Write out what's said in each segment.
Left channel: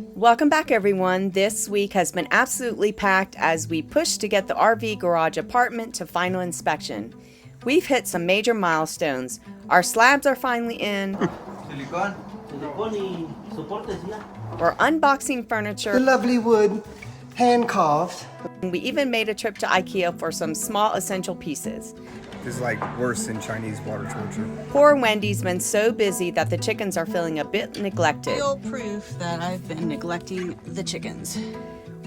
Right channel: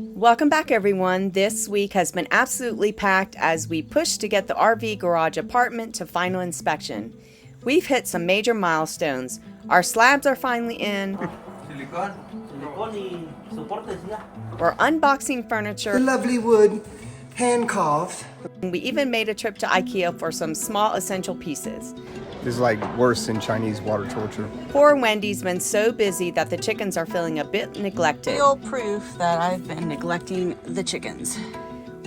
Welcome back, everyone. This week has been absolutely packed as we push to get the RV garage apartment to final inspection. We've hit some major milestones. Our slabs are finally in. We're unboxing furniture. The lovely wood, hand carved. And we even made a trip to IKEA for some small essential pieces. It's like worse than Chinese water torture. Poor Wendy's been so busy that the chickens are feeling a bit neglected. Real proof that I've been neglecting the chickens.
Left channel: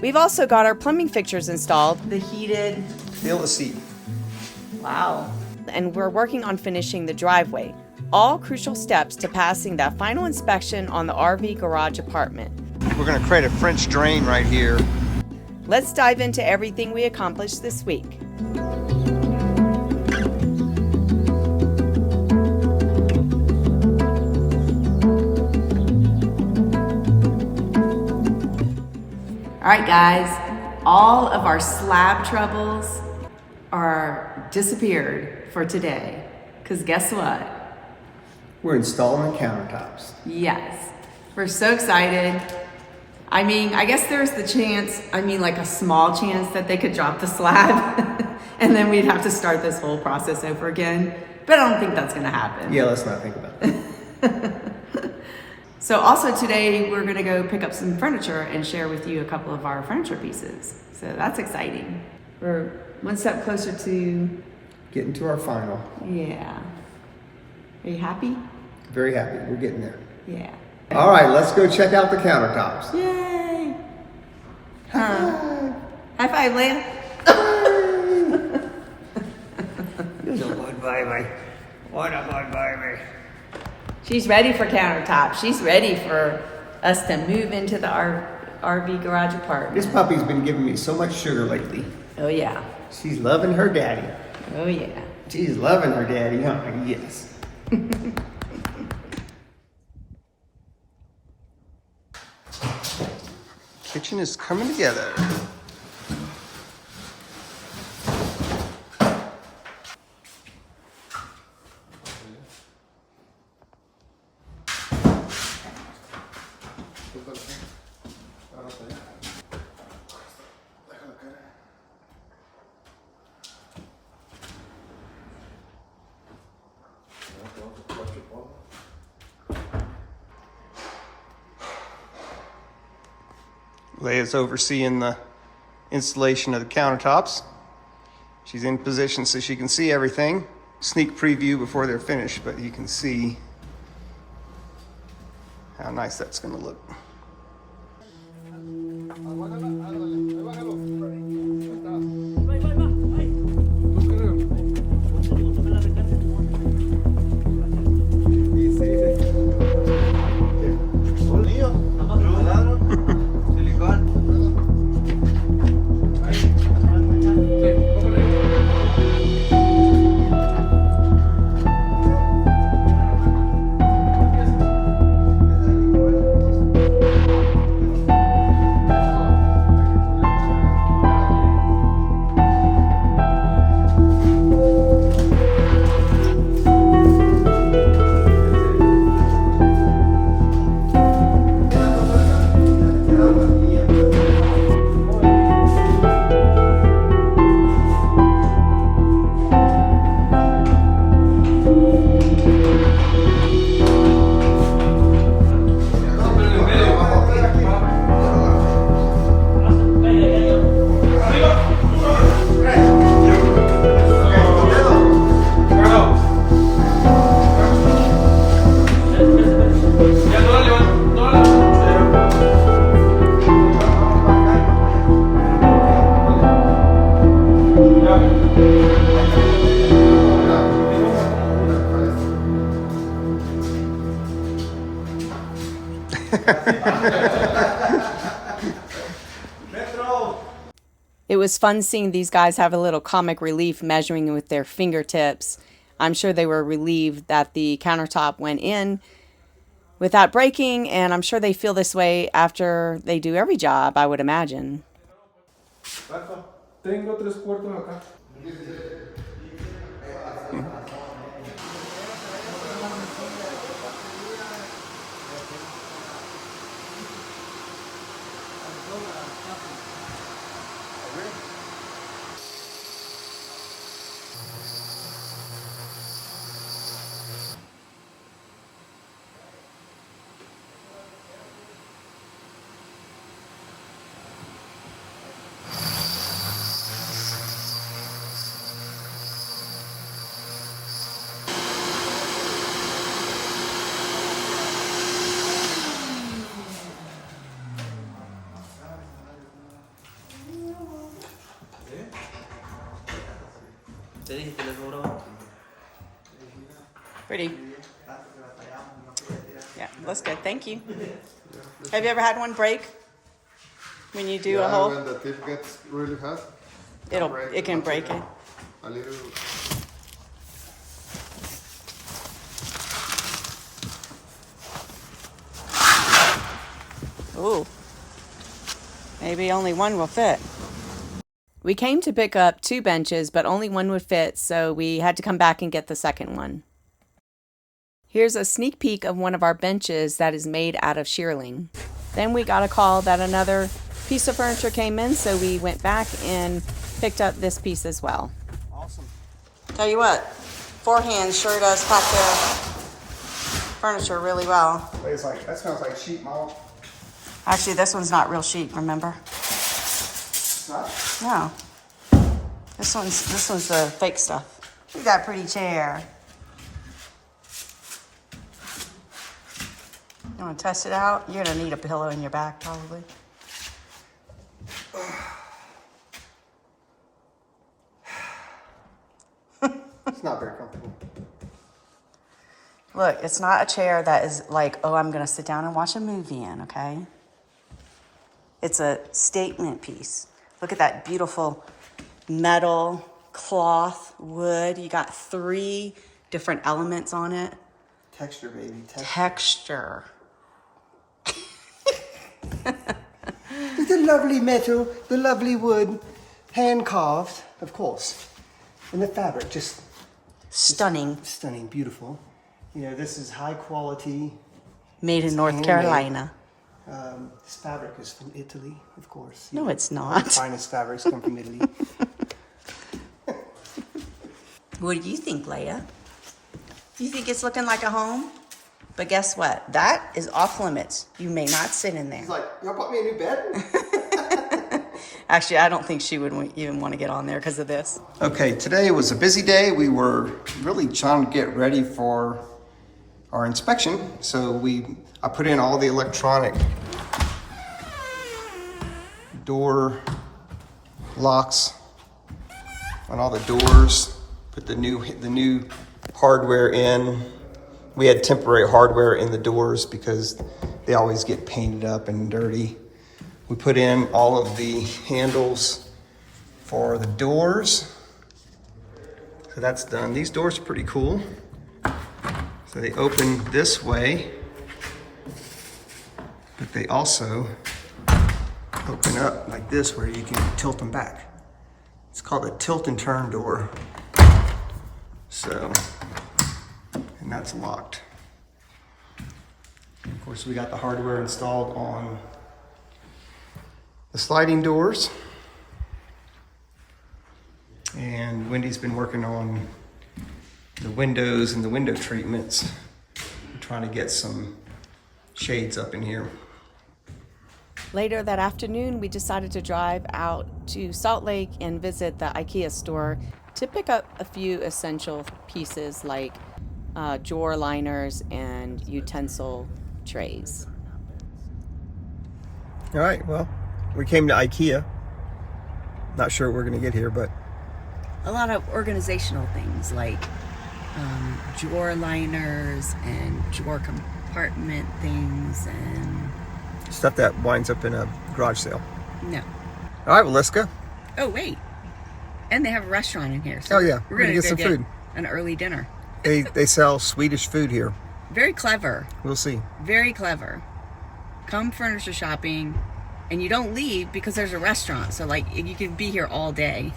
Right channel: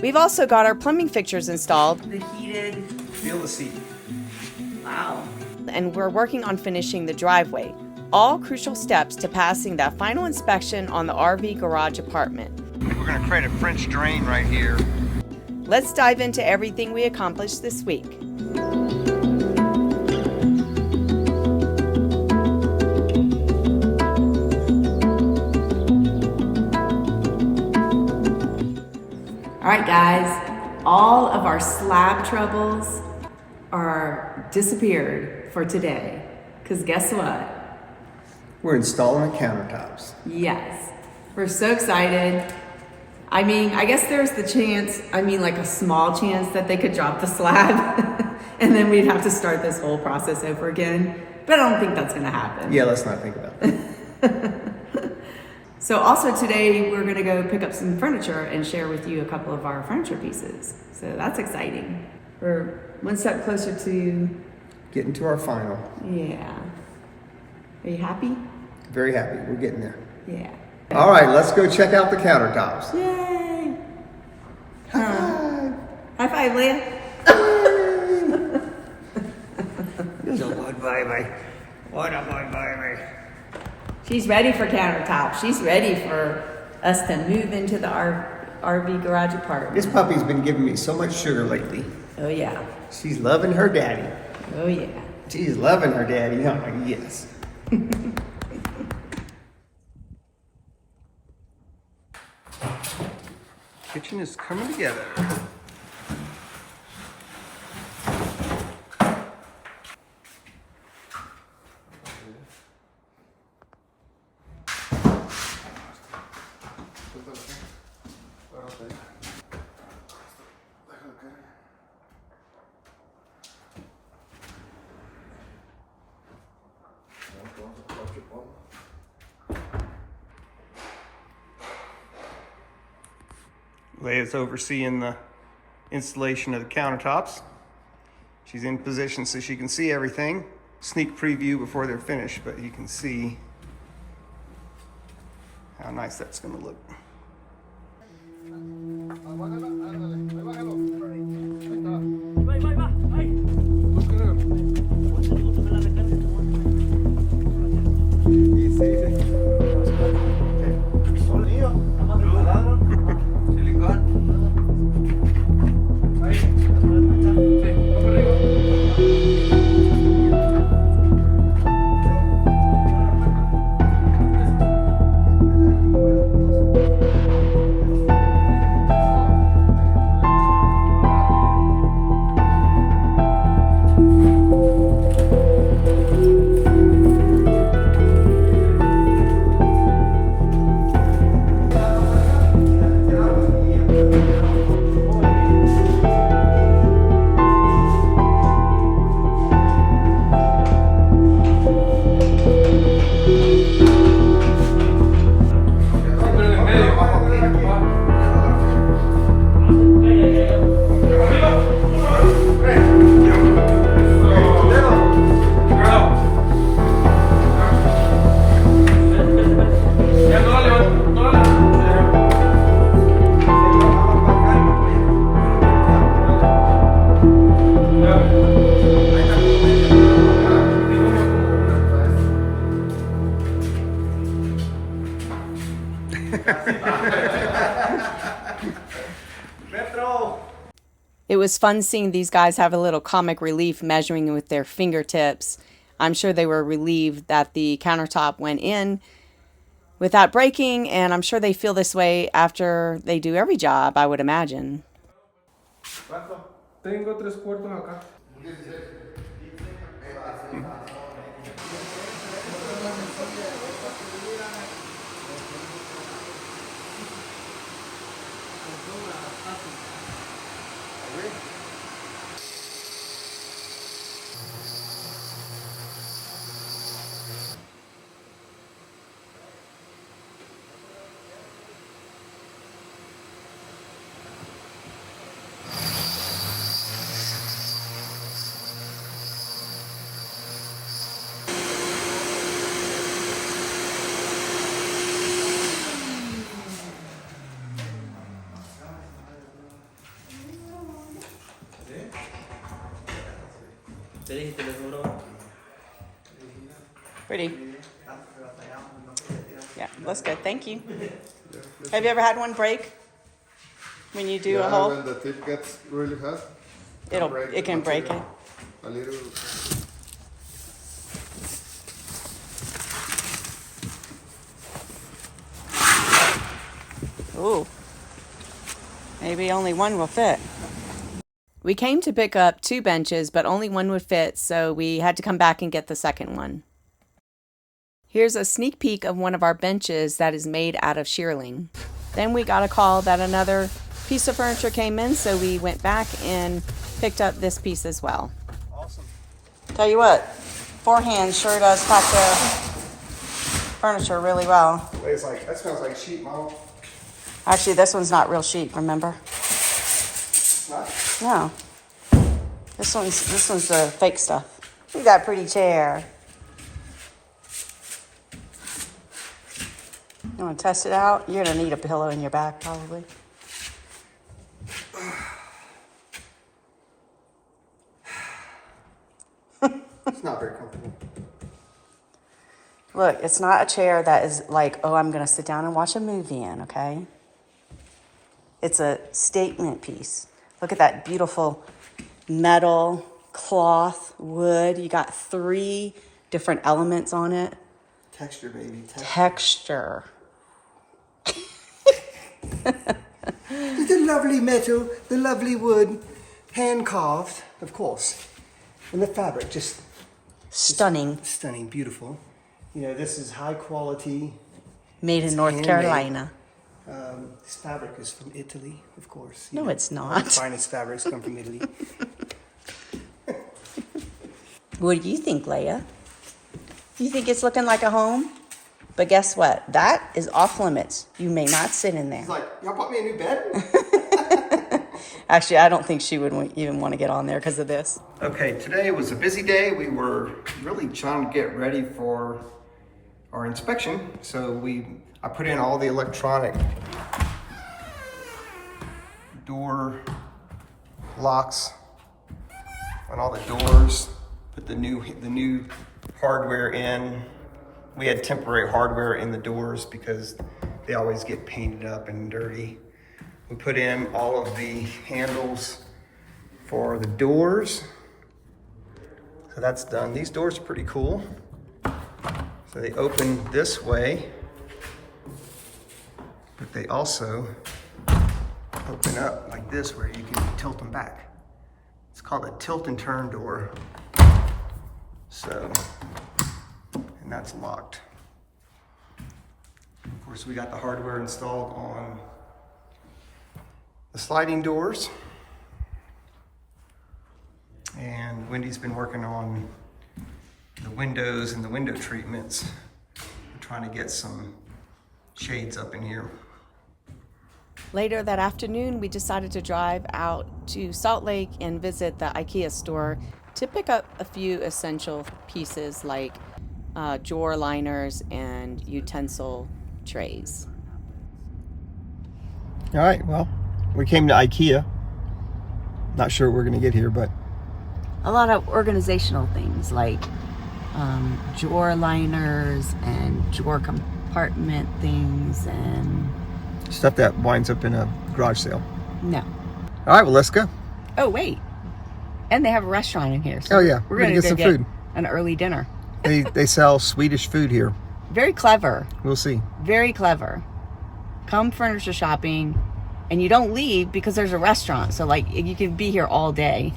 We've also got our plumbing fixtures installed. The heated. Feel the seat. Wow. And we're working on finishing the driveway. All crucial steps to passing that final inspection on the RV garage apartment. We're gonna create a French drain right here. Let's dive into everything we accomplished this week. All right, guys, all of our slab troubles are disappeared for today. Because guess what? We're installing the countertops. Yes, we're so excited. I mean, I guess there's the chance, like a small chance that they could drop the slab and then we'd have to start this whole process over again. But I don't think that's gonna happen. Yeah, let's not think about that. So also today we're gonna go pick up some furniture and share with you a couple of our furniture pieces. So that's exciting. We're one step closer to, Getting to our final. yeah. Are you happy? Very happy. We're getting there. Yeah. All right, let's go check out the countertops. Yay! Hi. High five, Leah. You're so good, baby. What a good baby. She's ready for countertops. She's ready for us to move into the RV garage apartment. This puppy's been giving me so much sugar lately. Oh yeah. She's loving her daddy. Oh yeah. She's loving her daddy, huh? Yes. Kitchen is coming together. Leia's overseeing the installation of the countertops. She's in position so she can see everything. Sneak preview before they're finished, but you can see how nice that's going to look. It was fun seeing these guys have a little comic relief measuring with their fingertips. I'm sure they were relieved that the countertop went in without breaking, and I'm sure they feel this way after they do every job, I would imagine. Tengo 3/4 acá. Pretty. Yeah, looks good. Thank you. Have you ever had one break when you do a hole? When the tip gets really hot, It can break it. a little. Ooh. Maybe only one will fit. We came to pick up 2 benches, but only one would fit, so we had to come back and get the second one. Here's a sneak peek of one of our benches that is made out of shearling. Then we got a call that another piece of furniture came in, so we went back and picked up this piece as well. Awesome. Tell you what, 4 hands sure does pack their furniture really well. It's like, that smells like sheet metal. Actually, this one's not real sheet, remember? It's not. No. This one's the fake stuff. Look at that pretty chair. You want to test it out? You're going to need a pillow in your back, probably. It's not very comfortable. Look, it's not a chair that is like, oh, I'm going to sit down and watch a movie in, okay? It's a statement piece. Look at that beautiful metal, cloth, wood. You got 3 different elements on it. Texture, baby. Texture. The lovely metal, the lovely wood, hand carved, of course. And the fabric, just Stunning. stunning, beautiful. You know, this is high quality. Made in North handmade. Carolina. This fabric is from Italy, of course. No, You know, it's not. The finest fabrics come from Italy. What do you think, Leia? You think it's looking like a home? But guess what? That is off limits. You may not sit in there. He's like, y'all bought me a new bed? Actually, I don't think she would even want to get on there because of this. Okay, today was a busy day. We were really trying to get ready for our inspection. So I put in all the electronic door locks on all the doors, put the new hardware in. We had temporary hardware in the doors because they always get painted up and dirty. We put in all of the handles for the doors. So that's done. These doors are pretty cool. So they open this way, but they also open up like this where you can tilt them back. It's called a tilt and turn door. So, and that's locked. Of course, we got the hardware installed on the sliding doors. And Wendy's been working on the windows and the window treatments. We're trying to get some shades up in here. Later that afternoon, we decided to drive out to Salt Lake and visit the IKEA store to pick up a few essential pieces like drawer liners and utensil trays. All right, well, we came to IKEA. Not sure what we're gonna get here, but A lot of organizational things like drawer liners and drawer compartment things and... stuff that winds up in a garage sale. No. All right, well, let's go. Oh, wait. And they have a restaurant in here. So Oh, yeah, we're we're gonna go get some food. An early dinner. They sell Swedish food here. Very clever. We'll see. Very clever. Come furniture shopping and you don't leave because there's a restaurant. So like you could be here all day.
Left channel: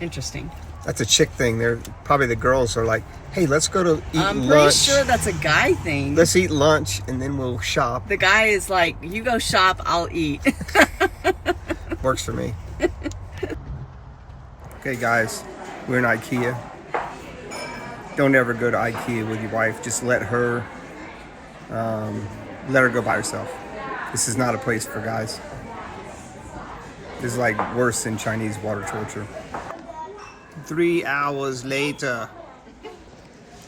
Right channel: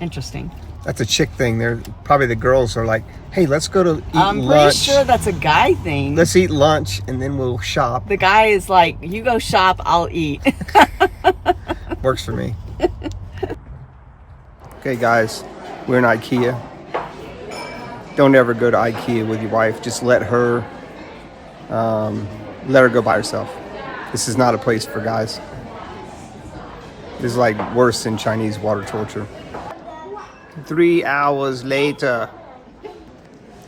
Interesting. That's a chick thing. They're probably the girls are like, hey, let's go to eat I'm lunch. pretty sure that's a guy thing. Let's eat lunch and then we'll shop. The guy is like, you go shop, I'll eat. Works for me. Okay, guys, we're in IKEA. Don't ever go to IKEA with your wife. Just let her go by herself. This is not a place for guys. This is like worse than Chinese water torture. 3 hours later.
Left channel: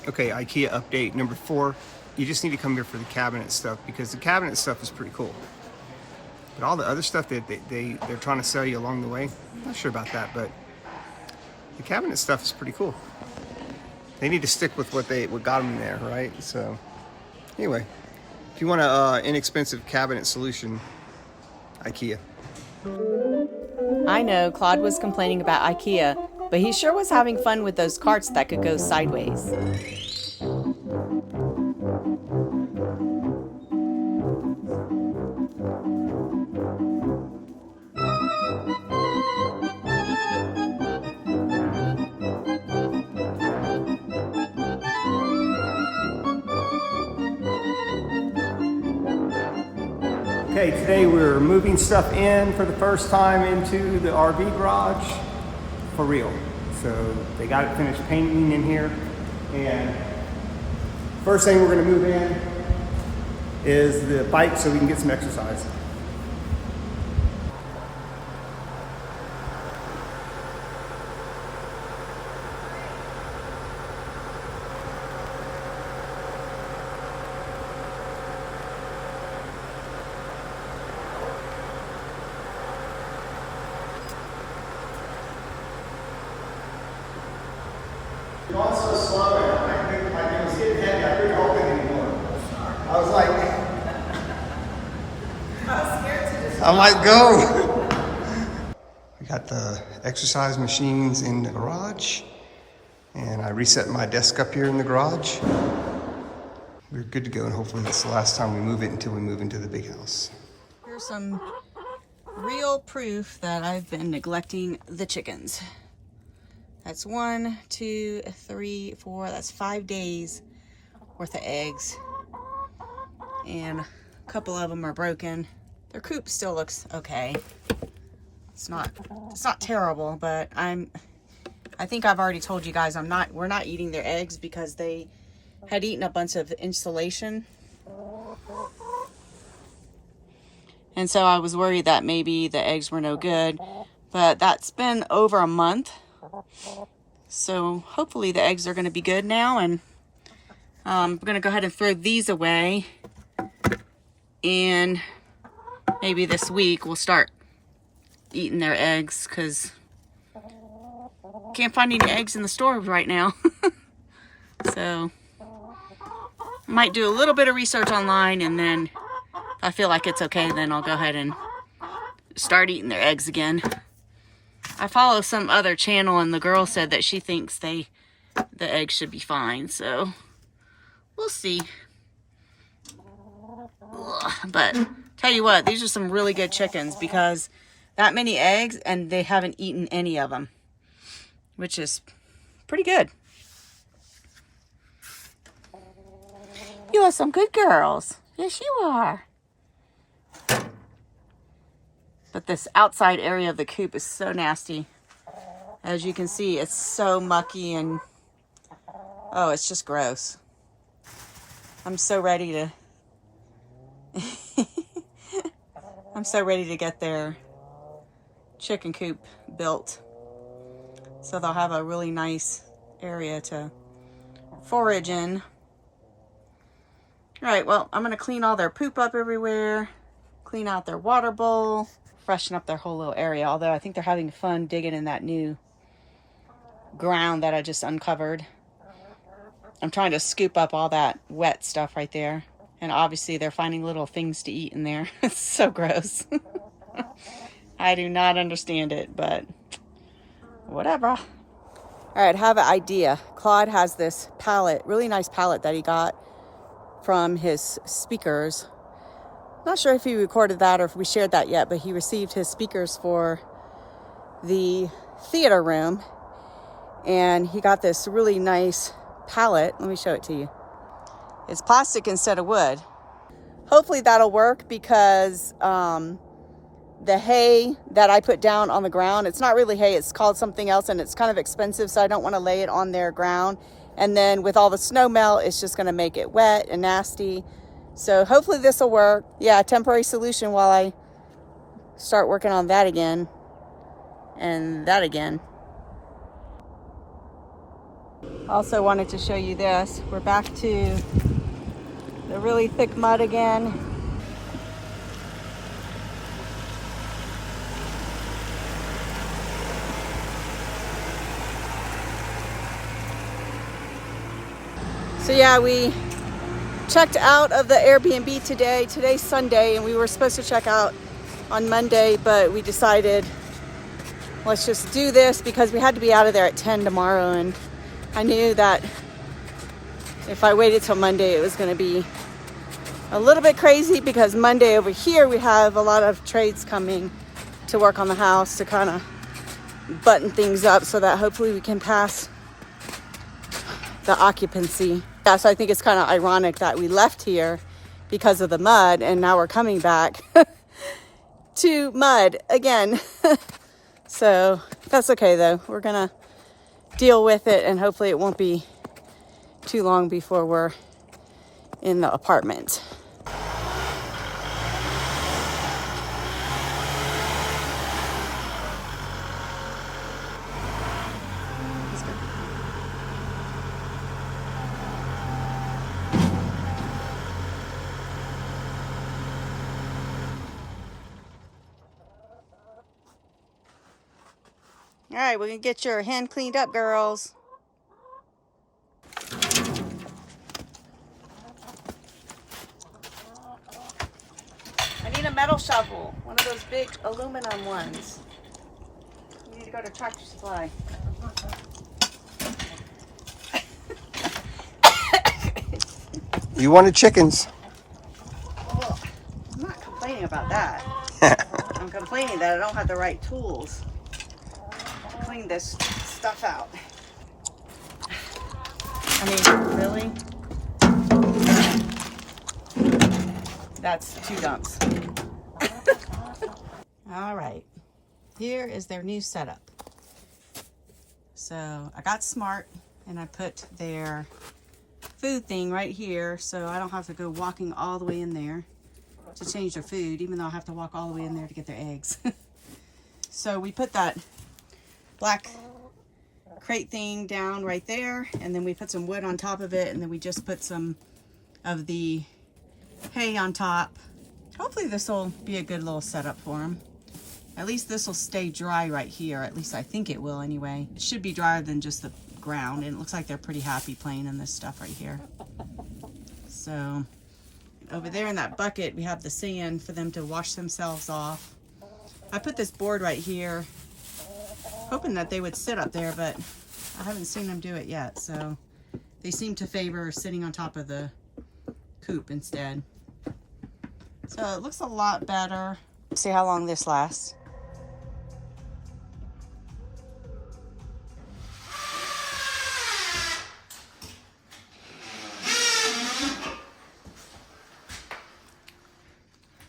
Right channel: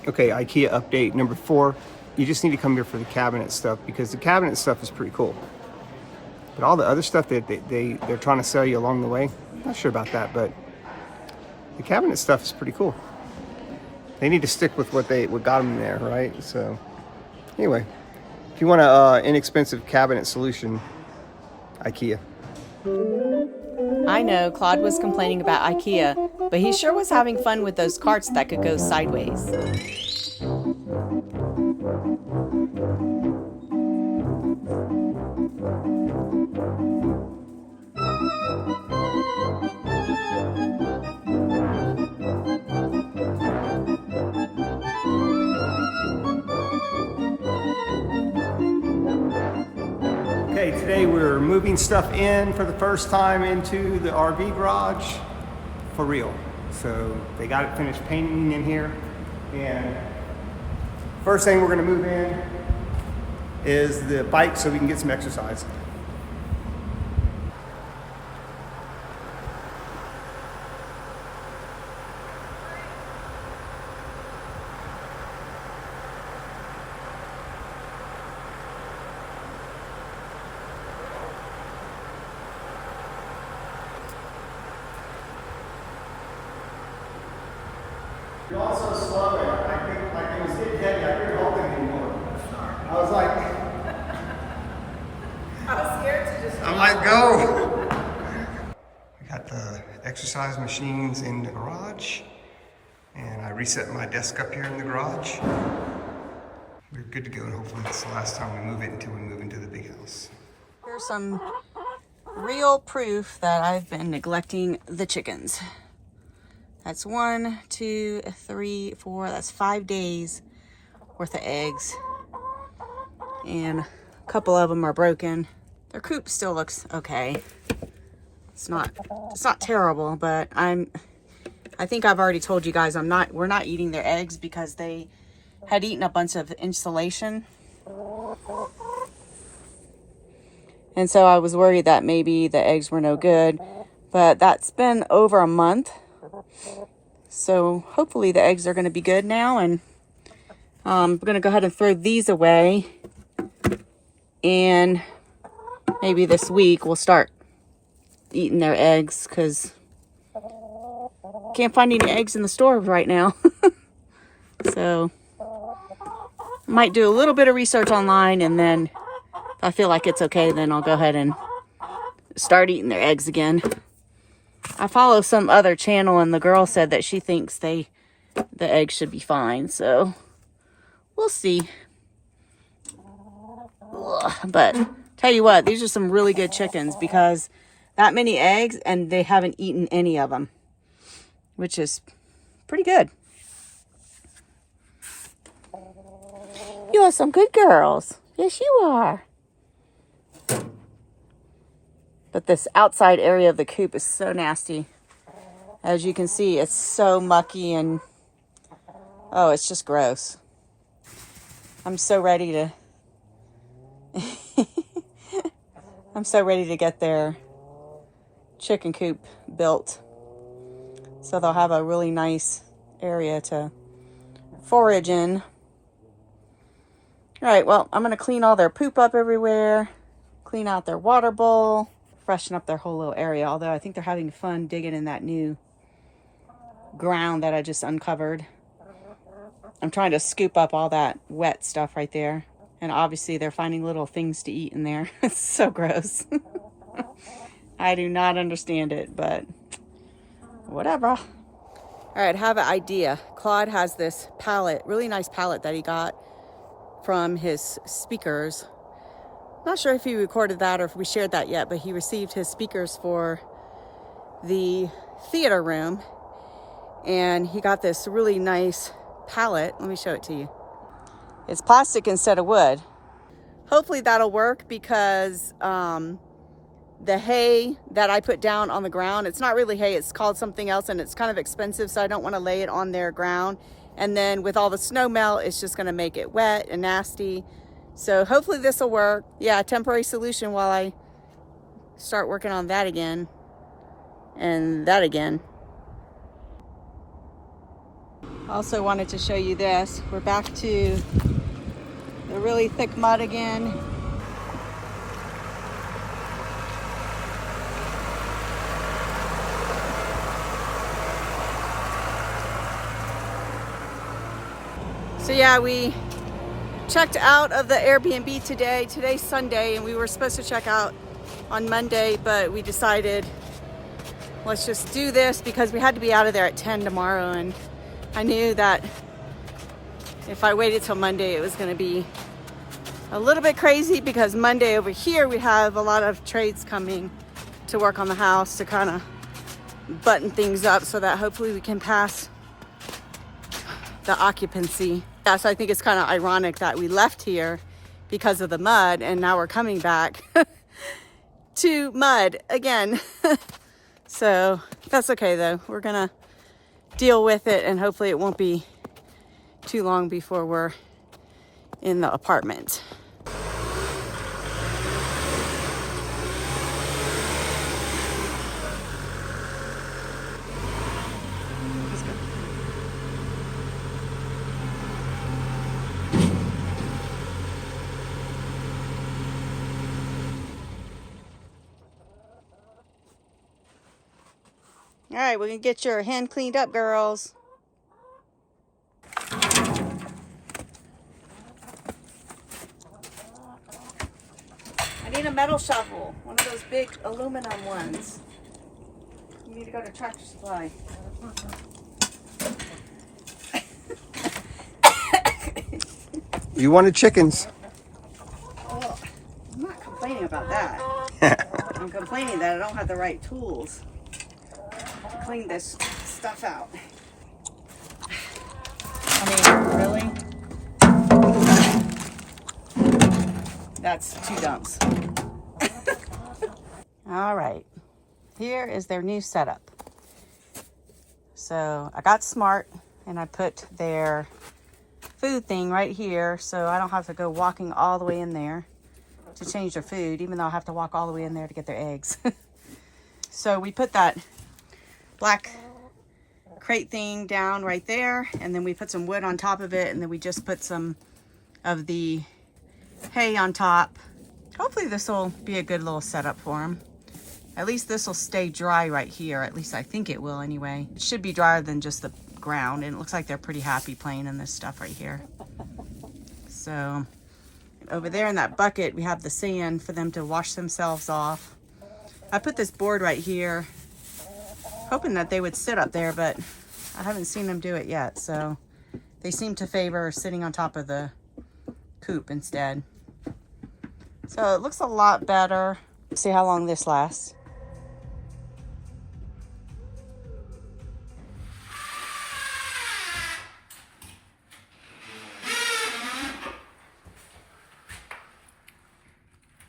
Okay, IKEA update number 4. You just need to come here for the cabinet stuff because the cabinet stuff is pretty cool. But all the other stuff that they're trying to sell you along the way, I'm not sure about that, but the cabinet stuff is pretty cool. They need to stick with what got them there, right? So anyway, if you want an inexpensive cabinet solution, IKEA. I know Claude was complaining about IKEA, but he sure was having fun with those carts that could go sideways. Okay, today we're moving stuff in for the first time into the RV garage for real. So they got it finished painting in here, and first thing we're gonna move in is the bike so we can get some exercise. You're also slow. I was getting heavy. I couldn't hold it anymore. I was like, I was scared to just... I'm like, go. We got the exercise machines in the garage, and I reset my desk up here in the garage. We're good to go, and hopefully that's the last time we move it until we move into the big house. Here's some real proof that I've been neglecting the chickens. That's 1, 2, 3, 4, that's 5 days worth of eggs. And a couple of them are broken. Their coop still looks okay. It's not terrible, but I think I've already told you guys we're not eating their eggs because they had eaten a bunch of insulation. And so I was worried that maybe the eggs were no good, but that's been over a month. So hopefully the eggs are going to be good now, and I'm going to go ahead and throw these away, and maybe this week we'll start eating their eggs because can't find any eggs in the store right now. So I might do a little bit of research online, and then if I feel like it's okay, then I'll go ahead and start eating their eggs again. I follow some other channel, and the girl said that she thinks the eggs should be fine, so we'll see. Ugh, but tell you what, these are some really good chickens because that many eggs and they haven't eaten any of them, which is pretty good. You are some good girls. Yes, you are. But this outside area of the coop is so nasty. As you can see, it's so mucky and, oh, it's just gross. I'm so ready to, I'm so ready to get their chicken coop built. So they'll have a really nice area to forage in. All right, well, I'm gonna clean all their poop up everywhere, clean out their water bowl, freshen up their whole little area, although I think they're having fun digging in that new ground that I just uncovered. I'm trying to scoop up all that wet stuff right there, and obviously they're finding little things to eat in there. It's so gross. I do not understand it, but whatever. All right, I have an idea. Claude has this pallet, really nice pallet that he got from his speakers. Not sure if he recorded that or if we shared that yet, but he received his speakers for the theater room. And he got this really nice pallet. Let me show it to you. It's plastic instead of wood. Hopefully that'll work because the hay that I put down on the ground, it's not really hay, it's called something else, and it's kind of expensive, so I don't want to lay it on their ground. And then with all the snow melt, it's just going to make it wet and nasty. So hopefully this will work. Yeah, temporary solution while I start working on that again and that again. Also wanted to show you this. We're back to the really thick mud again. So yeah, we checked out of the Airbnb today. Today's Sunday, and we were supposed to check out on Monday, but we decided let's just do this because we had to be out of there at 10 tomorrow, and I knew that if I waited till Monday, it was going to be a little bit crazy because Monday over here, we have a lot of trades coming to work on the house to kind of button things up so that hopefully we can pass the occupancy. Yeah, so I think it's kind of ironic that we left here because of the mud and now we're coming back to mud again. So that's okay though. We're gonna deal with it and hopefully it won't be too long before we're in the apartment. All right, we're gonna get your hand cleaned up, girls. I need a metal shovel, one of those big aluminum ones. You need to go to Tractor Supply. You wanted chickens. Oh, I'm not complaining about that. I'm complaining that I don't have the right tools to clean this stuff out. I mean, really? That's 2 dumps. All right, here is their new setup. So I got smart and I put their food thing right here so I don't have to go walking all the way in there to change their food, even though I have to walk all the way in there to get their eggs. So we put that black crate thing down right there, and then we put some wood on top of it, and then we just put some of the hay on top. Hopefully this will be a good little setup for them. At least this will stay dry right here. At least I think it will anyway. It should be drier than just the ground, and it looks like they're pretty happy playing in this stuff right here. So over there in that bucket, we have the sand for them to wash themselves off. I put this board right here, hoping that they would sit up there, but I haven't seen them do it yet. So they seem to favor sitting on top of the coop instead. So it looks a lot better. See how long this lasts.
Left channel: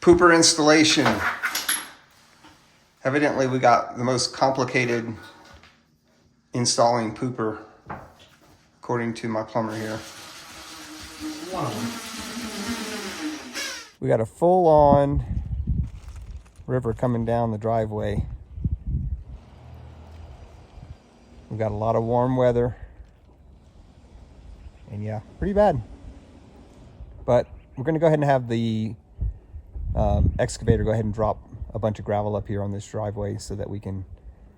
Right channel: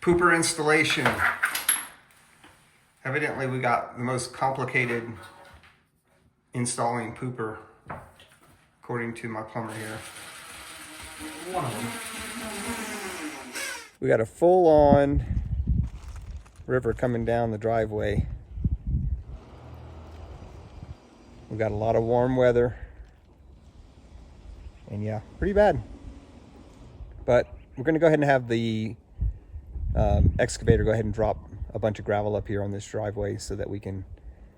Pooper installation. Evidently we got the most complicated installing pooper, according to my plumber here. One of them. We got a full-on river coming down the driveway. We got a lot of warm weather. And yeah, pretty bad. But we're gonna go ahead and have the excavator go ahead and drop a bunch of gravel up here on this driveway so that we can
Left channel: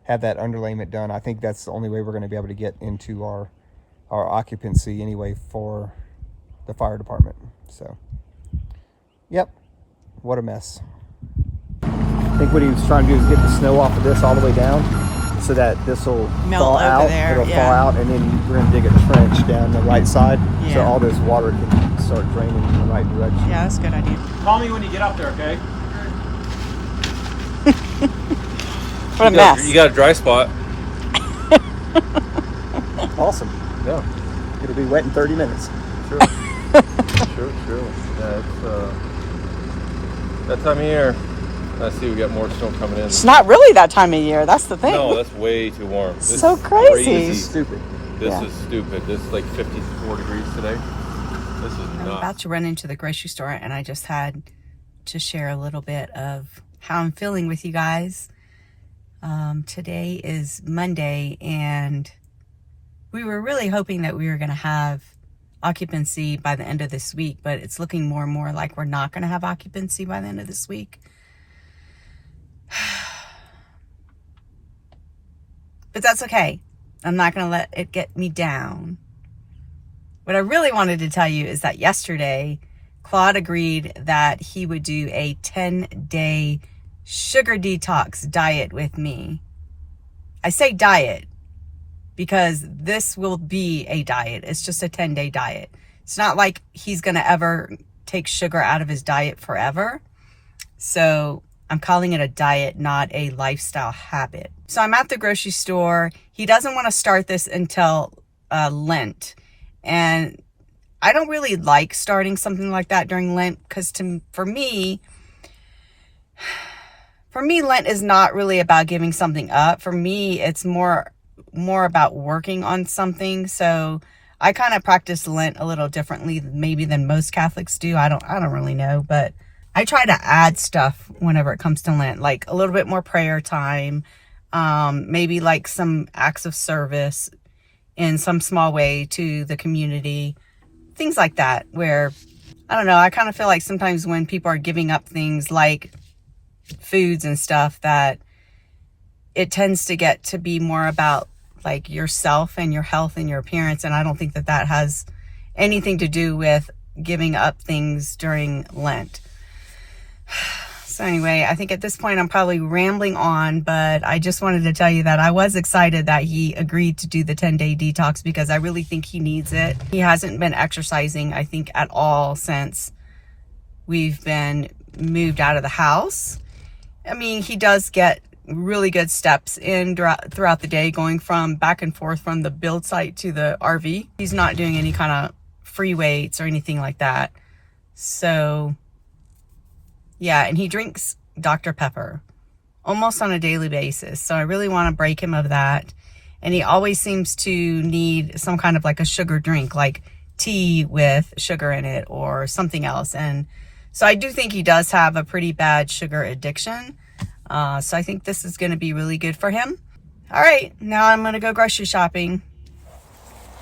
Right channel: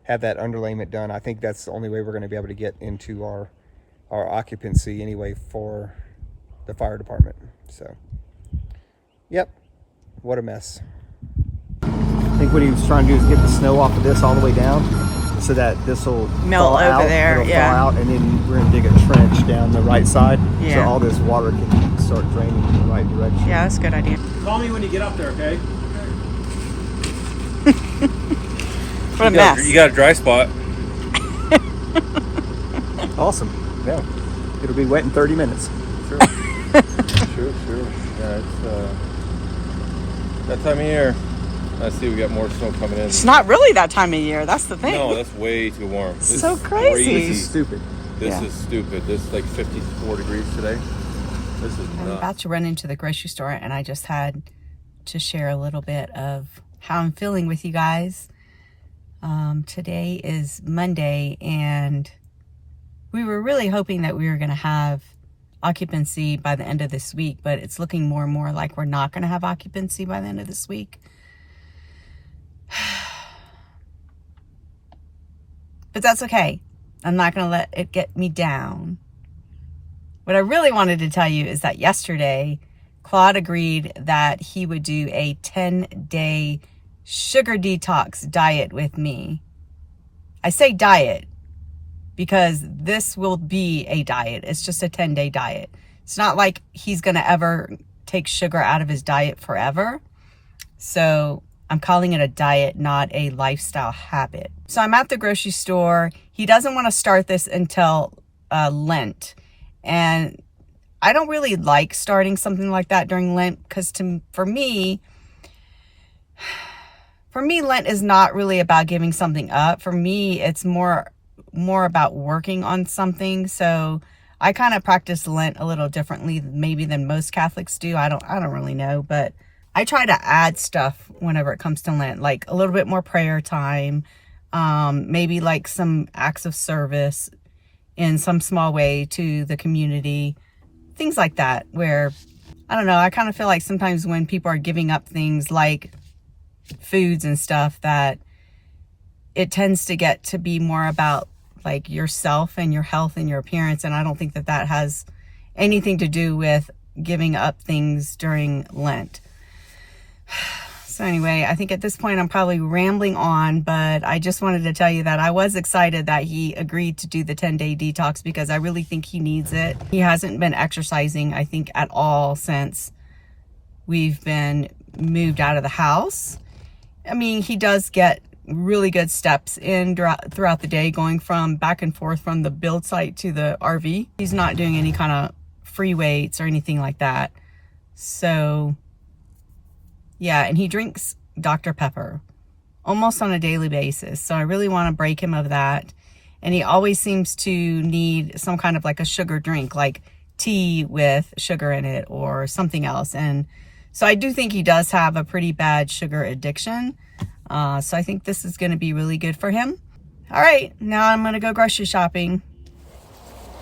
have that underlayment done. I think that's the only way we're going to be able to get into our occupancy anyway for the fire department. So, yep, what a mess. I think what he was trying to do is get the snow off of this all the way down so that this will melt over out, there, yeah. Out, and then we're going to dig a trench down the right side Yeah. so all this water can start draining in the right direction. Yeah, that's a good idea. Call me when you get up there, okay? What a mess. You got a dry spot. Awesome. Yeah. It'll be wet in 30 minutes. Sure. Sure. Yeah, it's that time of year. I see we got more snow coming in. It's not really that time of year. That's the thing. No, that's way too warm. This So is crazy. This is Stupid. stupid. This is like 54 degrees today. This is I'm nuts. about to run into the grocery store, and I just had to share a little bit of how I'm feeling with you guys. Today is Monday, and we were really hoping that we were going to have occupancy by the end of this week, but it's looking more and more like we're not going to have occupancy by the end of this week. But that's okay. I'm not going to let it get me down. What I really wanted to tell you is that yesterday, Claude agreed that he would do a 10-day sugar detox diet with me. I say diet because this will be a diet. It's just a 10-day diet. It's not like he's going to ever take sugar out of his diet forever. So I'm calling it a diet, not a lifestyle habit. So I'm at the grocery store. He doesn't want to start this until Lent. And I don't really like starting something like that during Lent because for me, Lent is not really about giving something up. For me, it's more about working on something. So I kind of practice Lent a little differently maybe than most Catholics do. I don't really know, but I try to add stuff whenever it comes to Lent, like a little bit more prayer time, maybe like some acts of service in some small way to the community, things like that, where, I don't know, I kind of feel like sometimes when people are giving up things like foods and stuff, that it tends to get to be more about like yourself and your health and your appearance. And I don't think that has anything to do with giving up things during Lent. So anyway, I think at this point I'm probably rambling on, but I just wanted to tell you that I was excited that he agreed to do the 10-day detox because I really think he needs it. He hasn't been exercising, I think, at all since we've been moved out of the house. I mean, he does get really good steps in throughout the day, going from back and forth from the build site to the RV. He's not doing any kind of free weights or anything like that. So yeah, and he drinks Dr. Pepper almost on a daily basis. So I really want to break him of that. And he always seems to need some kind of like a sugar drink, like tea with sugar in it or something else. And so I do think he does have a pretty bad sugar addiction. So I think this is going to be really good for him. All right, now I'm going to go grocery shopping.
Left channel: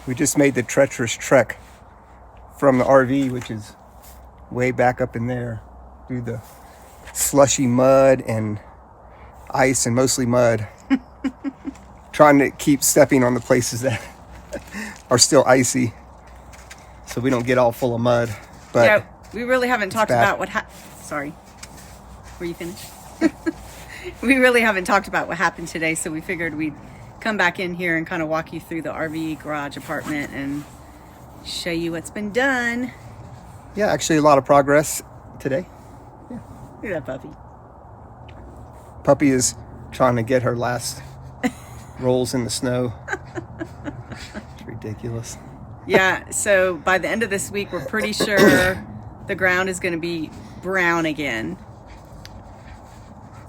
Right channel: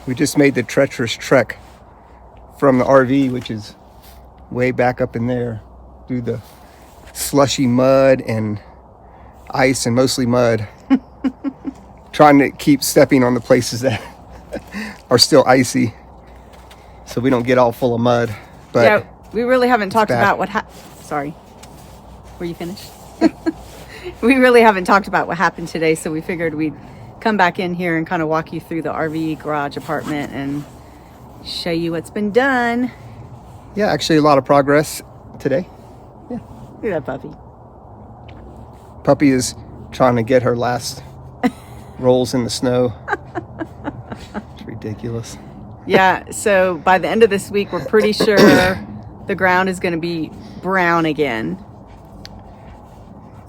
We just made the treacherous trek from the RV, which is way back up in there, through the slushy mud and ice, and mostly mud. Trying to keep stepping on the places that are still icy so we don't get all full of mud. But yeah, we really haven't talked bad. about what sorry, were you finished? We really haven't talked about what happened today, so we figured we'd come back in here and kind of walk you through the RV garage apartment and show you what's been done. Yeah, actually a lot of progress today. Look at that puppy. Puppy is trying to get her last rolls in the snow. It's ridiculous. Yeah, so by the end of this week, we're pretty sure the ground is going to be brown again.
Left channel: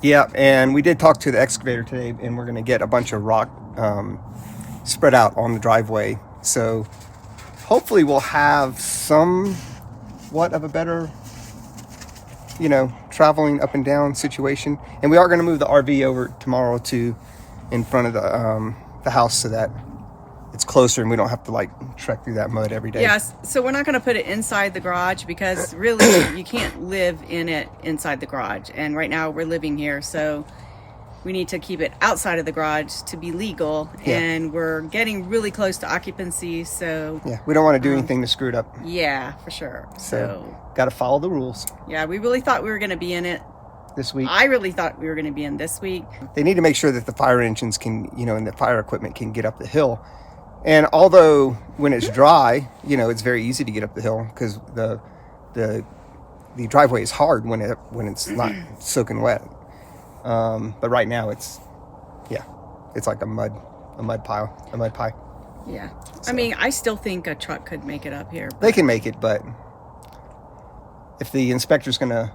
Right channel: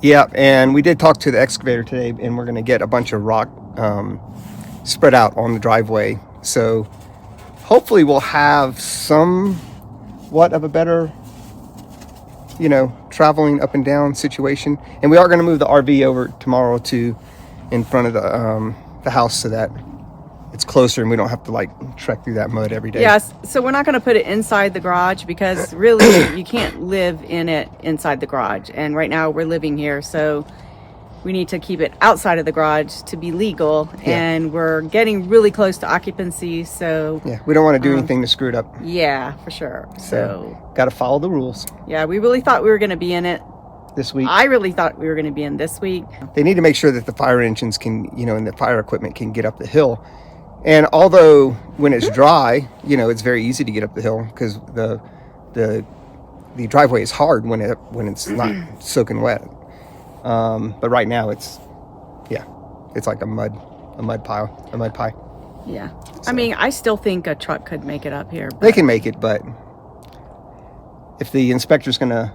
Yeah, and we did talk to the excavator today, and we're going to get a bunch of rock spread out on the driveway. So hopefully we'll have somewhat of a better, traveling up and down situation. And we are going to move the RV over tomorrow to in front of the house so that it's closer and we don't have to trek through that mud every day. Yes, so we're not going to put it inside the garage because really you can't live in it inside the garage. And right now we're living here, so we need to keep it outside of the garage to be legal. Yeah. And we're getting really close to occupancy, so Yeah, we don't want to do anything to screw it up. yeah, for sure. So got to follow the rules yeah, we really thought we were going to be in it. this week. I really thought we were going to be in this week. They need to make sure that the fire engines can, and the fire equipment can get up the hill. And although when it's dry, it's very easy to get up the hill because the driveway is hard when it's not soaking wet. But right now it's like a mud pie. Yeah. I mean, I still think a truck could make it up here. They can make it, but if the inspector's gonna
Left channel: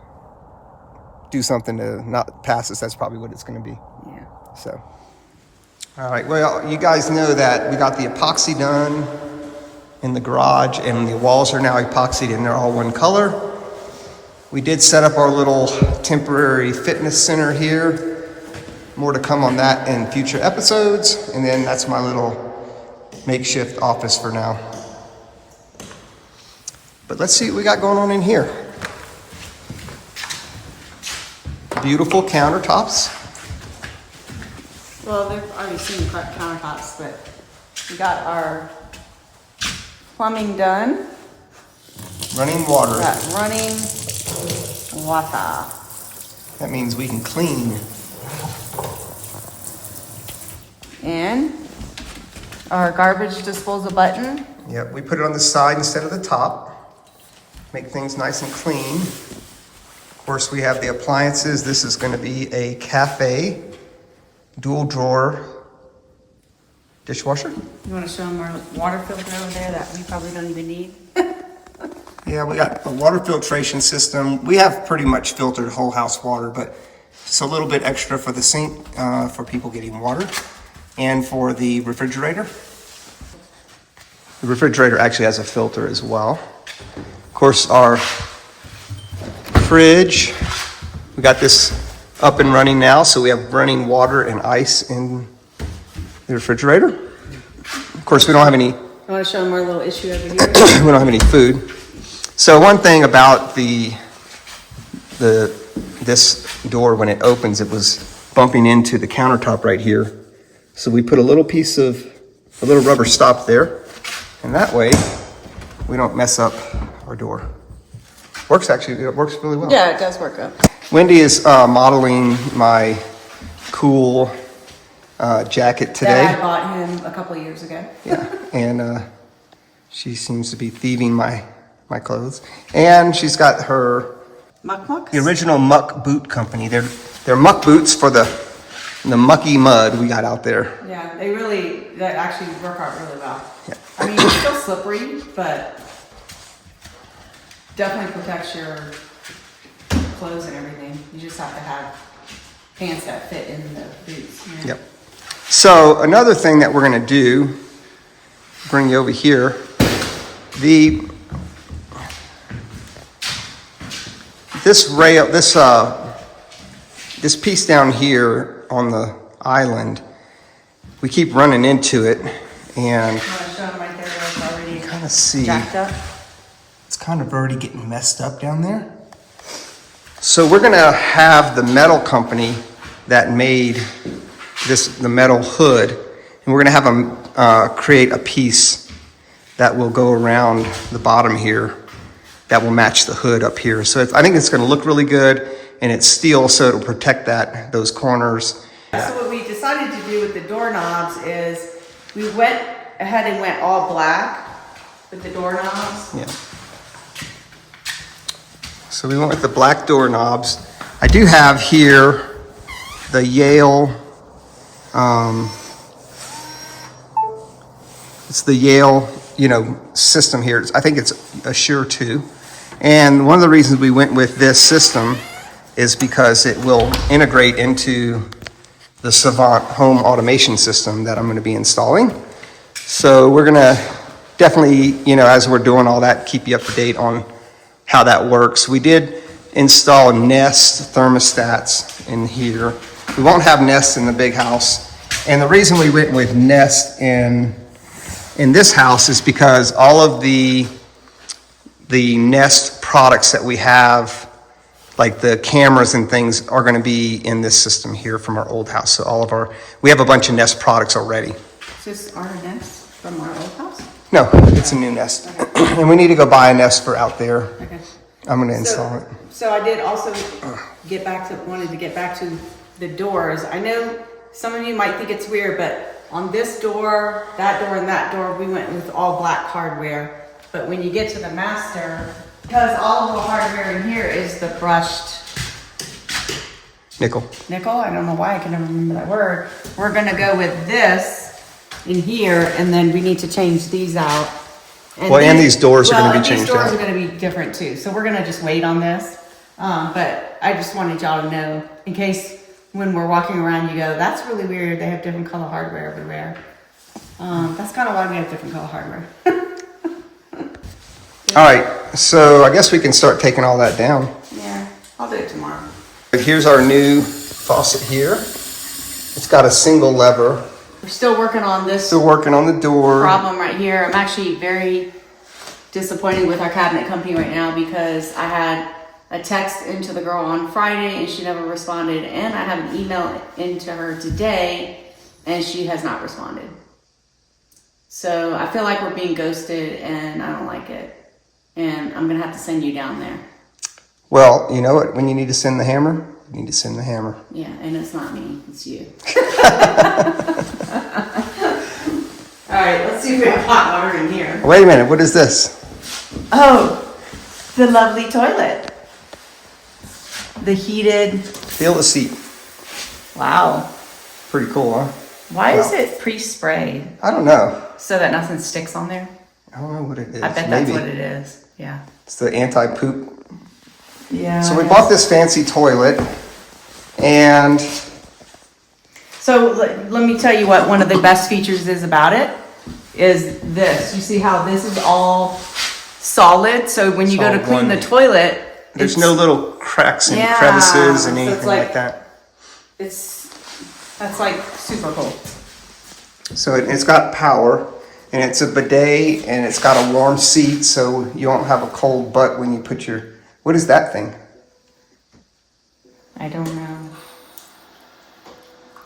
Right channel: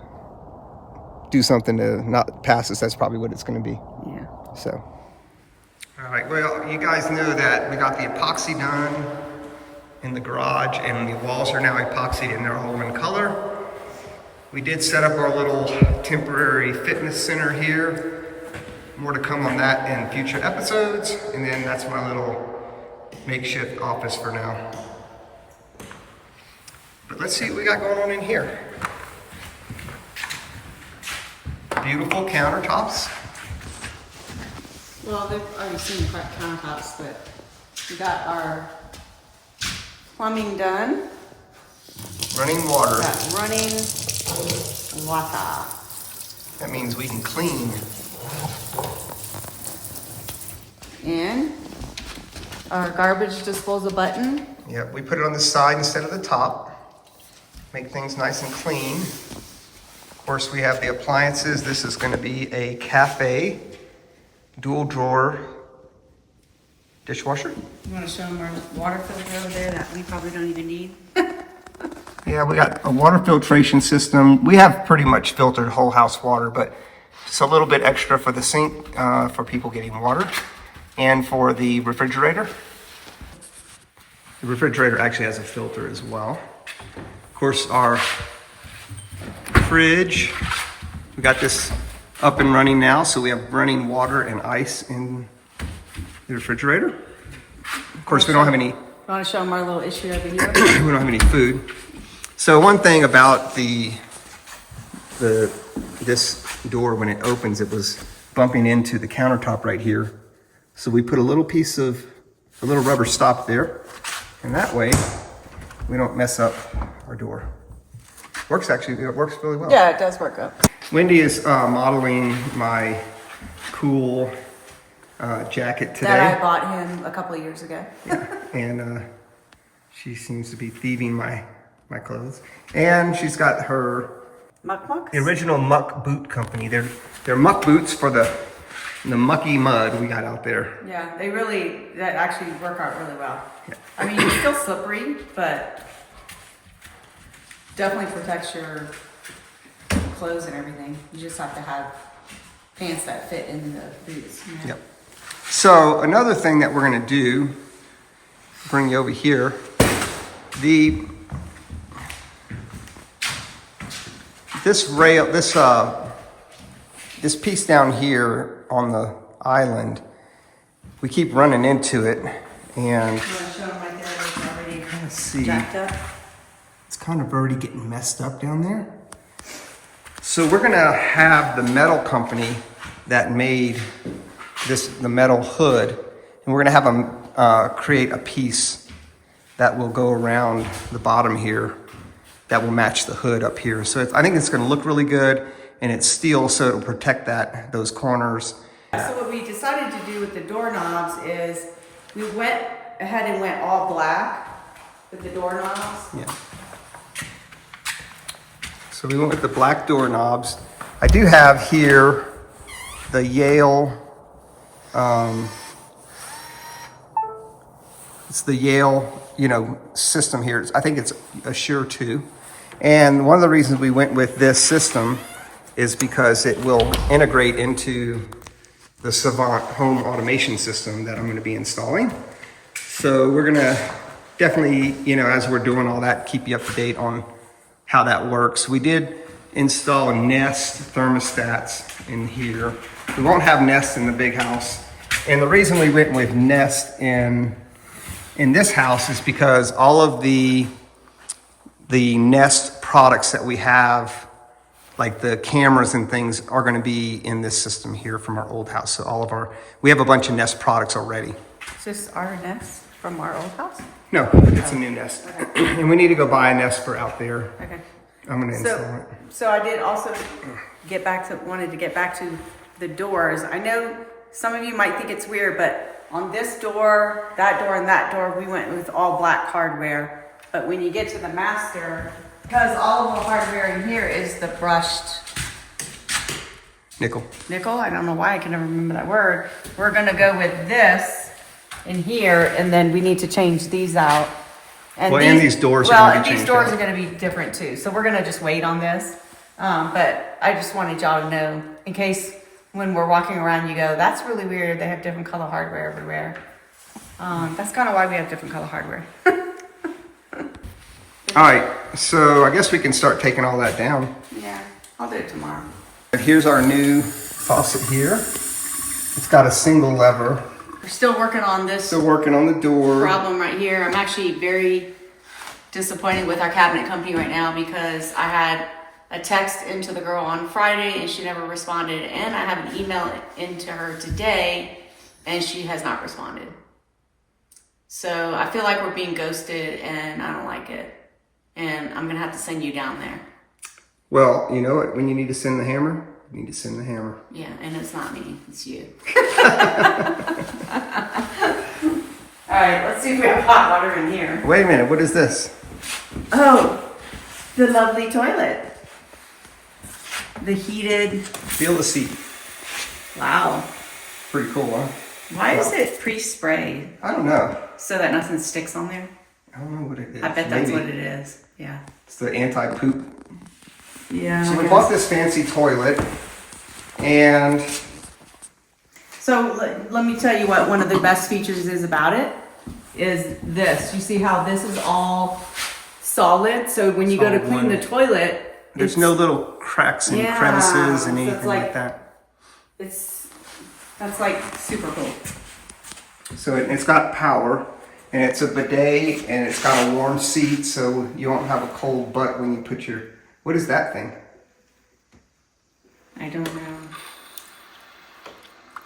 do something to not pass us, that's probably what it's gonna be. Yeah. So. All right, well, you guys know that we got the epoxy done in the garage, and the walls are now epoxied and they're all one color. We did set up our little temporary fitness center here. More to come on that in future episodes. And then that's my little makeshift office for now. But let's see what we got going on in here. Beautiful countertops. Well, they've already seen the countertops, but we got our plumbing done. Running water. Got running water. That means we can clean. And our garbage disposal button. Yep, we put it on the side instead of the top. Make things nice and clean. Of course, we have the appliances. This is going to be a cafe dual drawer dishwasher. You want to show them our water filter over there that we probably don't even need? Yeah, we got a water filtration system. We have pretty much filtered whole house water, but it's a little bit extra for the sink for people getting water and for the refrigerator. The refrigerator actually has a filter as well. Of course, our fridge, we got this up and running now, so we have running water and ice in the refrigerator. Of course, we don't have any. You want to show them our little issue over here? We don't have any food. So one thing about this door, when it opens, it was bumping into the countertop right here. So we put a little rubber stop there, and that way we don't mess up our door. It works really well. Yeah, it does work good. Wendy is modeling my cool jacket today. That I bought him a couple of years ago. Yeah, and she seems to be thieving my clothes. And she's got her Mucks? the original Muck Boot Company. They're muck boots for the mucky mud we got out there. Yeah, that actually work out really well. Yeah. I mean, it's still slippery, but definitely protects your clothes and everything. You just have to have pants that fit in the boots. You know? Yep. So another thing that we're gonna do, bring you over here, this piece down here on the island, we keep running into it, and You want to show them right there where it's already kind of see jacked up? it's kind of already getting messed up down there. So we're gonna have the metal company that made the metal hood, and we're gonna have them create a piece that will go around the bottom here that will match the hood up here. So I think it's gonna look really good, and it's steel, so it'll protect those corners. So what we decided to do with the doorknobs is we went ahead and went all black with the doorknobs. Yeah. So we went with the black doorknobs. I do have here the Yale, it's the Yale, system here. I think it's Assure 2. And one of the reasons we went with this system is because it will integrate into the Savant home automation system that I'm going to be installing. So we're going to definitely, as we're doing all that, keep you up to date on how that works. We did install Nest thermostats in here. We won't have Nest in the big house. And the reason we went with Nest in this house is because all of the Nest products that we have, like the cameras and things, are going to be in this system here from our old house. So we have a bunch of Nest products already. Is this our Nest from our old house? No, it's a new Nest. Okay. And we need to go buy a Nest for out there. Okay. I'm going to install it. So I did also wanted to get back to the doors. I know some of you might think it's weird, but on this door, and that door, we went with all black hardware. But when you get to the master, because all of the hardware in here is the brushed Nickel. nickel, I don't know why I can never remember that word. We're gonna go with this in here, and then we need to change these out. And these doors are gonna be changed These doors out. are gonna be different too, so we're gonna just wait on this. But I just wanted y'all to know, in case when we're walking around you go, that's really weird, they have different color hardware everywhere. That's kind of why we have different color hardware. All right, so I guess we can start taking all that down. Yeah, I'll do it tomorrow. But here's our new faucet here. It's got a single lever. We're still working on this Still working on the door. problem right here. I'm actually very disappointed with our cabinet company right now because I had a text into the girl on Friday and she never responded, and I have an email into her today and she has not responded. So I feel like we're being ghosted and I don't like it. And I'm gonna have to send you down there. Well, you know what? When you need to send the hammer, you need to send the hammer. Yeah, and it's not me, it's you. All right, let's see if we have hot water in here. Wait a minute, what is this? Oh, the lovely toilet. The heated, Feel the seat. wow. Pretty cool, huh? Why is it pre-sprayed I don't know. so that nothing sticks on there? I don't know what it is. I bet Maybe. that's what it is, yeah. It's the anti-poop. Yeah. So we bought this fancy toilet, and So let me tell you what one of the best features is about it is this. You see how this is all solid? So when you go all to clean one. the toilet, there's it's- no little cracks and Yeah, crevices and so it's anything like- like that. that's like super cool. So it's got power, and it's a bidet, and it's got a warm seat, so you won't have a cold butt when you put your... What is that thing? I don't know.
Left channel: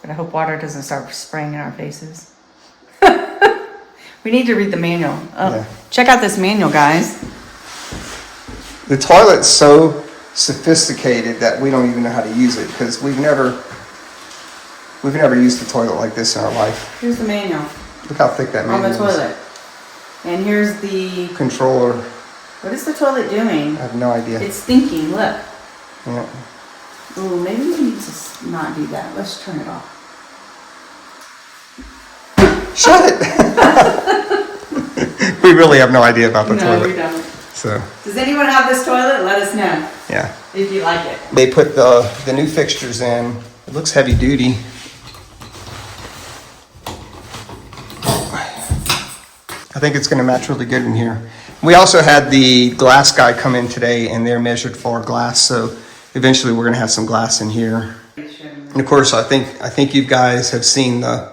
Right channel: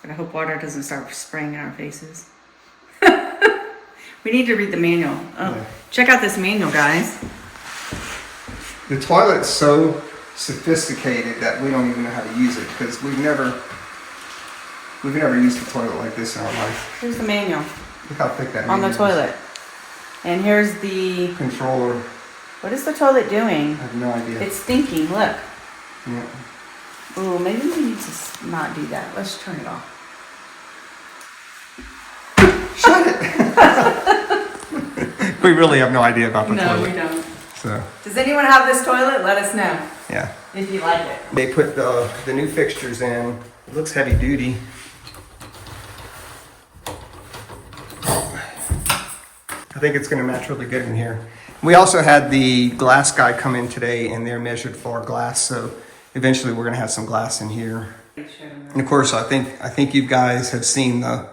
But I hope water doesn't start spraying in our faces. We need to read the manual. Oh, Yeah. check out this manual, guys. The toilet's so sophisticated that we don't even know how to use it, because we've never used a toilet like this in our life. Here's the manual Look how thick that on manual the is. toilet. And here's the, Controller, what is the toilet doing? I have no idea. It's thinking, look. Yeah. Oh, maybe we need to not do that. Let's turn it off. Shut it! We really have no idea about the No, toilet. we don't. So, Does anyone have this toilet? Let us know yeah. if you like it. They put the new fixtures in. It looks heavy duty. I think it's going to match really good in here. We also had the glass guy come in today, and they're measured for glass, so eventually we're going to have some glass in here. And of course, I think you guys have seen the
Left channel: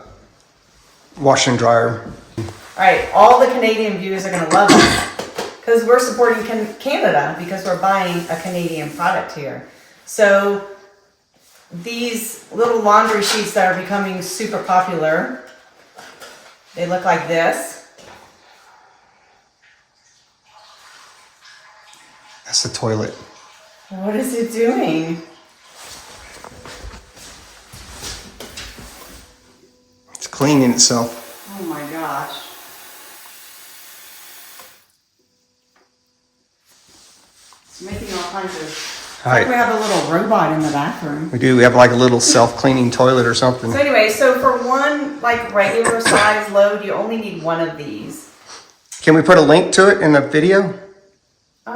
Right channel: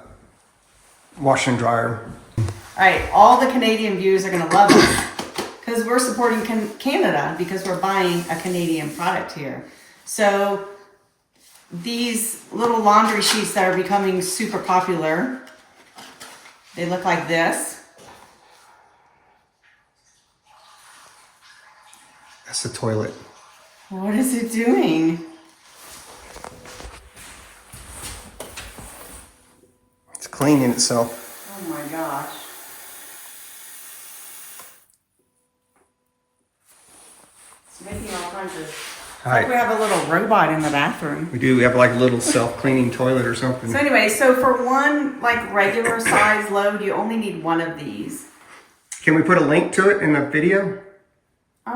washer and dryer. All right, all the Canadian viewers are going to love us because we're supporting Canada because we're buying a Canadian product here. So these little laundry sheets that are becoming super popular, they look like this. That's the toilet. What is it doing? It's cleaning itself. Oh my gosh. It's making all kinds of... All right. We have a little robot in the bathroom. We do. We have like a little self-cleaning toilet or something. So anyway, so for one like regular size load, you only need one of these. Can we put a link to it in the video?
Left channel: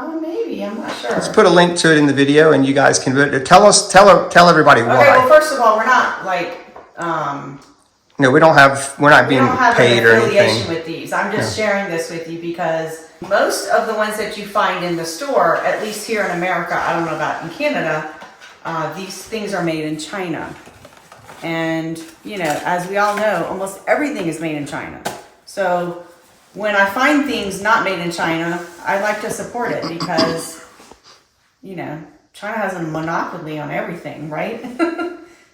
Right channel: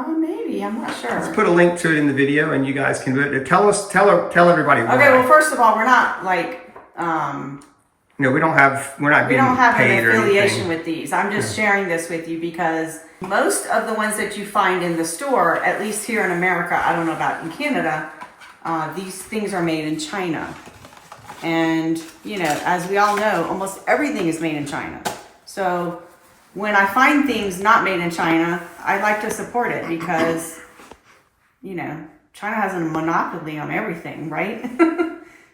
Maybe, I'm not sure. Let's put a link to it in the video, and you guys can tell everybody Okay, well, why. first of all, we're not like No, we're not we being don't have paid an or affiliation anything. with these. I'm just sharing this with you because most of the ones that you find in the store, at least here in America, I don't know about in Canada, these things are made in China. And, you know, as we all know, almost everything is made in China. So when I find things not made in China, I like to support it because, you know, China has a monopoly on everything, right?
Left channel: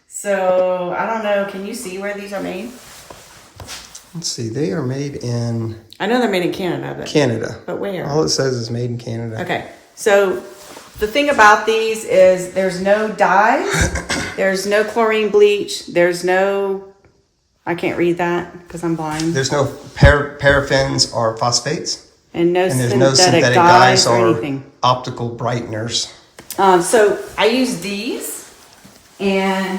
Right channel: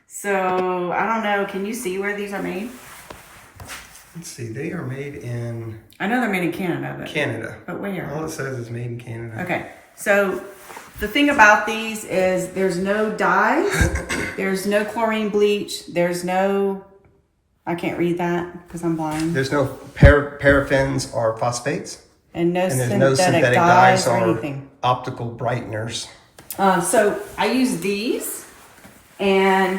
So, I don't know. Can you see where these are made? Let's see. They are made in I know they're made in Canada, but Canada. But where? All it says is made in Canada. Okay. So, the thing about these is there's no dyes, there's no chlorine bleach, there's no, I can't read that because I'm blind, There's no paraffins or phosphates, and there's no synthetic dyes or anything. optical brighteners. So, I use these, and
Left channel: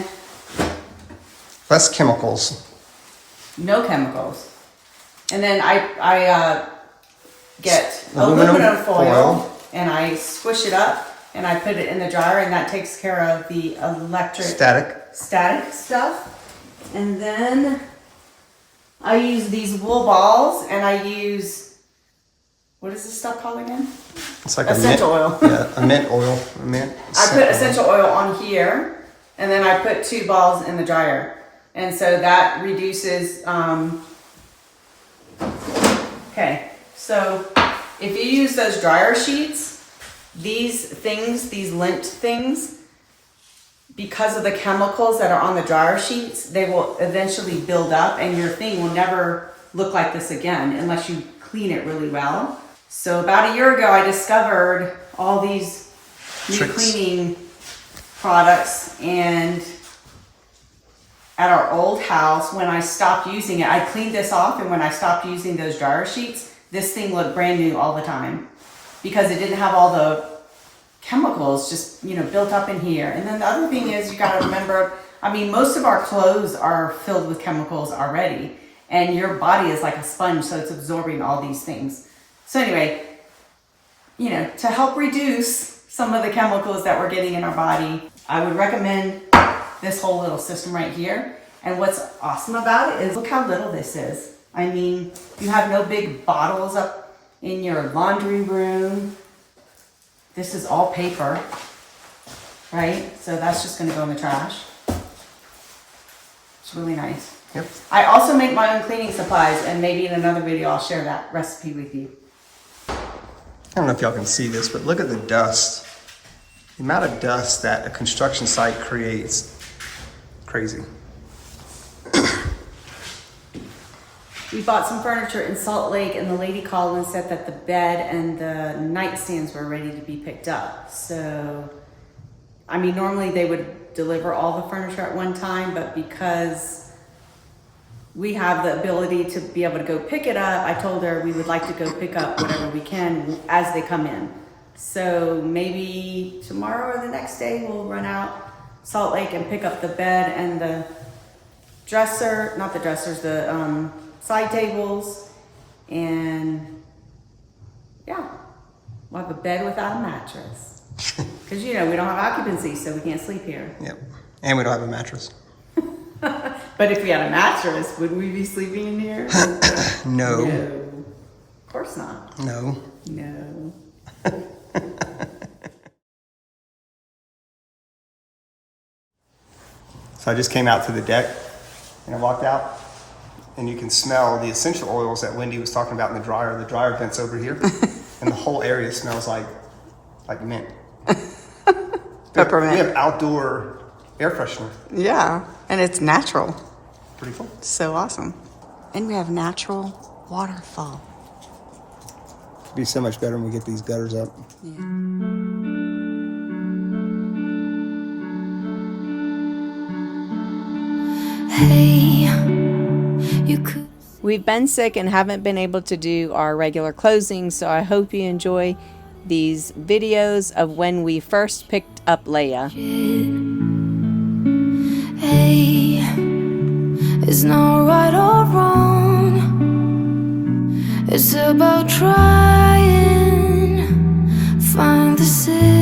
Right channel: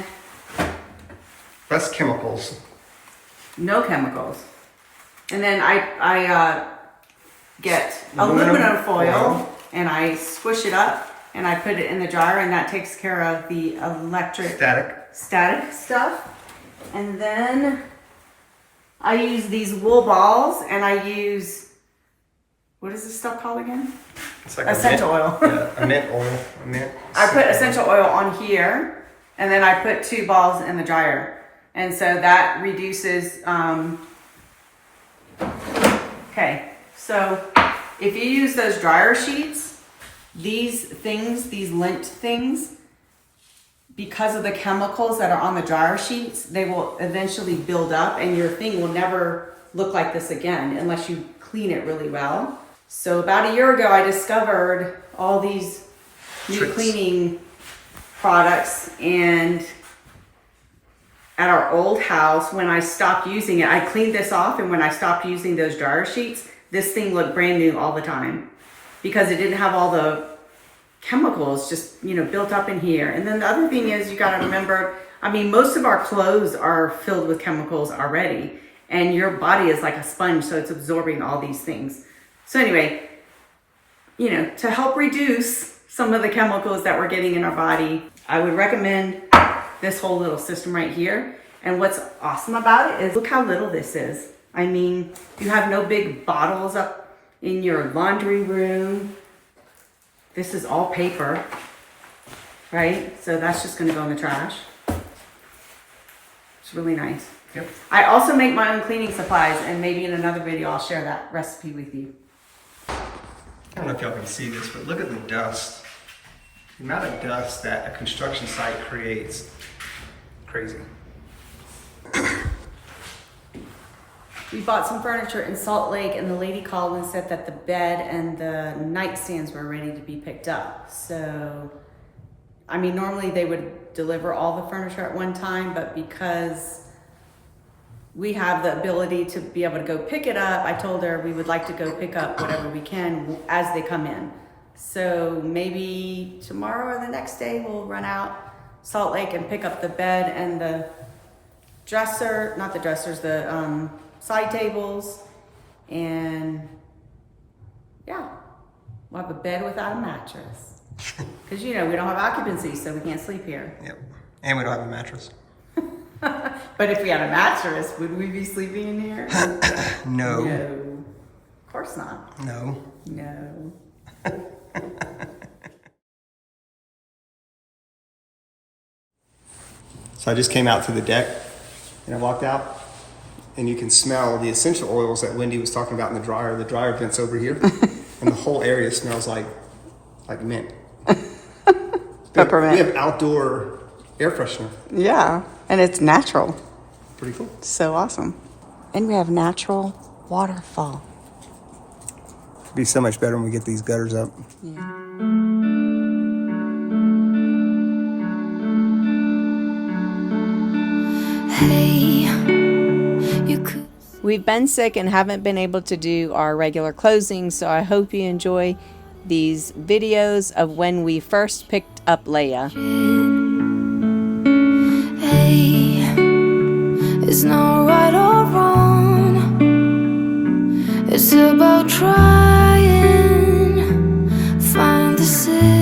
Less chemicals. no chemicals. And then I get aluminum foil and I squish it up and I put it in the dryer, and that takes care of the electric static stuff. And then I use these wool balls, and I use, what is this stuff called again? It's like essential oil. Yeah, a mint oil. A mint. I put essential oil on here, and then I put 2 balls in the dryer. And so that reduces, okay, so if you use those dryer sheets, these things, these lint things, because of the chemicals that are on the dryer sheets, they will eventually build up, and your thing will never look like this again unless you clean it really well. So about a year ago, I discovered all these new cleaning products, and at our old house, when I stopped using it, I cleaned this off, and when I stopped using those dryer sheets, this thing looked brand new all the time because it didn't have all the chemicals just, you know, built up in here. And then the other thing is, you got to remember, I mean, most of our clothes are filled with chemicals already, and your body is like a sponge, so it's absorbing all these things. So anyway, you know, to help reduce some of the chemicals that we're getting in our body, I would recommend this whole little system right here. And what's awesome about it is, look how little this is. I mean, you have no big bottles up in your laundry room. This is all paper, right? So that's just gonna go in the trash. It's really nice. Yep. I also make my own cleaning supplies, and maybe in another video I'll share that recipe with you. I don't know if y'all can see this, but look at the dust. The amount of dust that a construction site creates, crazy. We bought some furniture in Salt Lake, and the lady called and said that the bed and the nightstands were ready to be picked up. So, I mean, normally they would deliver all the furniture at one time, but because we have the ability to be able to go pick it up, I told her we would like to go pick up whatever we can as they come in. So maybe tomorrow or the next day we'll run out Salt Lake and pick up the bed and the dresser, not the dressers, the side tables, and yeah, we'll have a bed without a mattress. Because, you know, we don't have occupancy, so we can't sleep here. Yep. And we don't have a mattress. But if we had a mattress, would we be sleeping in here? No. No. Of course not. No. No. So I just came out to the deck and I walked out, and you can smell the essential oils that Wendy was talking about in the dryer. The dryer vent's over here, and the whole area smells like mint. Peppermint. We have outdoor air freshener. Yeah, and it's natural. Pretty cool. So awesome. And we have natural waterfall. It'd be so much better when we get these gutters up. Yeah. Hey, you could. We've been sick and haven't been able to do our regular closing, so I hope you enjoy these videos of when we first picked up Leia. Hey, it's not right or wrong. It's about trying, find the city.